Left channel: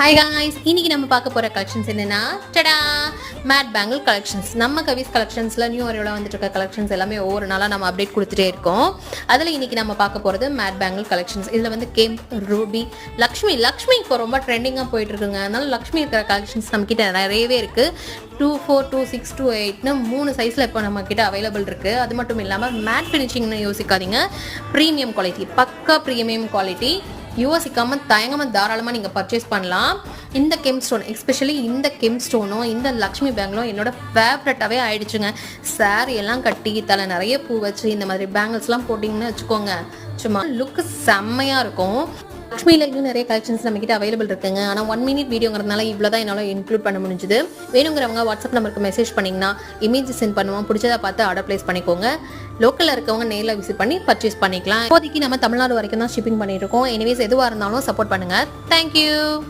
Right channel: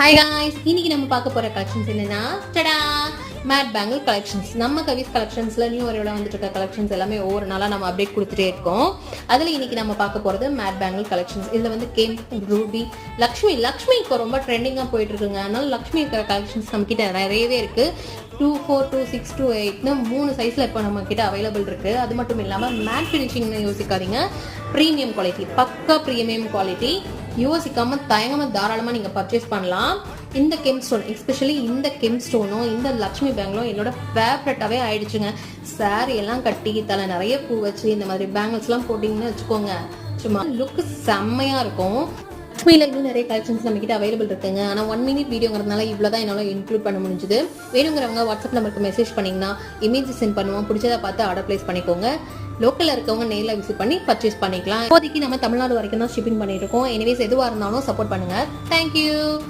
Hi guys, இன்னைக்கு நம்ம பார்க்க போற கலெக்ஷன்ஸ் என்னன்னா டடா மேட் பேங்கிள் கலெக்ஷன்ஸ். நம்ம கவிஸ் கலெக்ஷன்ஸ்ல நியூ வரையோட வந்துட்டு இருக்க கலெக்ஷன்ஸ் எல்லாமே ஒவ்வொரு நாளா நம்ம அப்டேட் கொடுத்துட்டே இருக்கோம். அதுல இன்னைக்கு நம்ம பார்க்க போறது மேட் பேங்கிள் கலெக்ஷன்ஸ். இதுல வந்து கேம், ரூபி, லக்ஷ்மி இப்போ ரொம்ப ட்ரெண்டிங்கா போயிட்டு இருக்குங்க. அதனால லக்ஷ்மி இருக்கிற கலெக்ஷன்ஸ் நம்ம கிட்ட நிறையவே இருக்கு. 2-4, 2-6, 2-8 3 சைஸ்ல இப்போ நம்ம கிட்ட அவைலபிள் இருக்கு. அது மட்டும் இல்லாம மேட் ஃபினிஷிங்னு யோசிக்காதீங்க, ப்ரீமியம் குவாலிட்டி, பக்கா ப்ரீமியம் குவாலிட்டி. யோசிக்காம தயங்காம தாராளமாக நீங்கள் பர்ச்சேஸ் பண்ணலாம். இந்த கெம் ஸ்டோன், எஸ்பெஷலி இந்த கெம் ஸ்டோனும் இந்த லக்ஷ்மி பேங்கிளும் என்னோட ஃபேவரட்டாகவே ஆயிடுச்சுங்க. சாரி எல்லாம் கட்டி தலை நிறைய பூ வச்சு இந்த மாதிரி பேங்கிள்ஸ்லாம் போட்டிங்கன்னு வச்சுக்கோங்க, சும்மா லுக்கு செம்மையாக இருக்கும். லக்ஷ்மியில் இன்னும் நிறைய கலெக்ஷன்ஸ் நம்ம கிட்ட அவைலபிள் இருக்குங்க. ஆனால் 1 minute வீடியோங்கிறதுனால இவ்வளோ தான் என்னால் இன்க்ளூட் பண்ண முடிஞ்சுது. வேணுங்கிறவங்க வாட்ஸ்அப் நம்பருக்கு மெசேஜ் பண்ணிங்கன்னா இமேஜ் சென்ட் பண்ணுவோம். பிடிச்சதை பார்த்து ஆர்டர் பிளேஸ் பண்ணிக்கோங்க. லோக்கலில் இருக்கவங்க நேரில் விசிட் பண்ணி பர்ச்சேஸ் பண்ணிக்கலாம். இப்போதைக்கு நம்ம தமிழ்நாடு வரைக்கும் தான் ஷிப்பிங் பண்ணிட்டு இருக்கோம். எனிவேஸ் எதுவாக இருந்தாலும் சப்போர்ட் பண்ணுங்கள். தேங்க்யூ.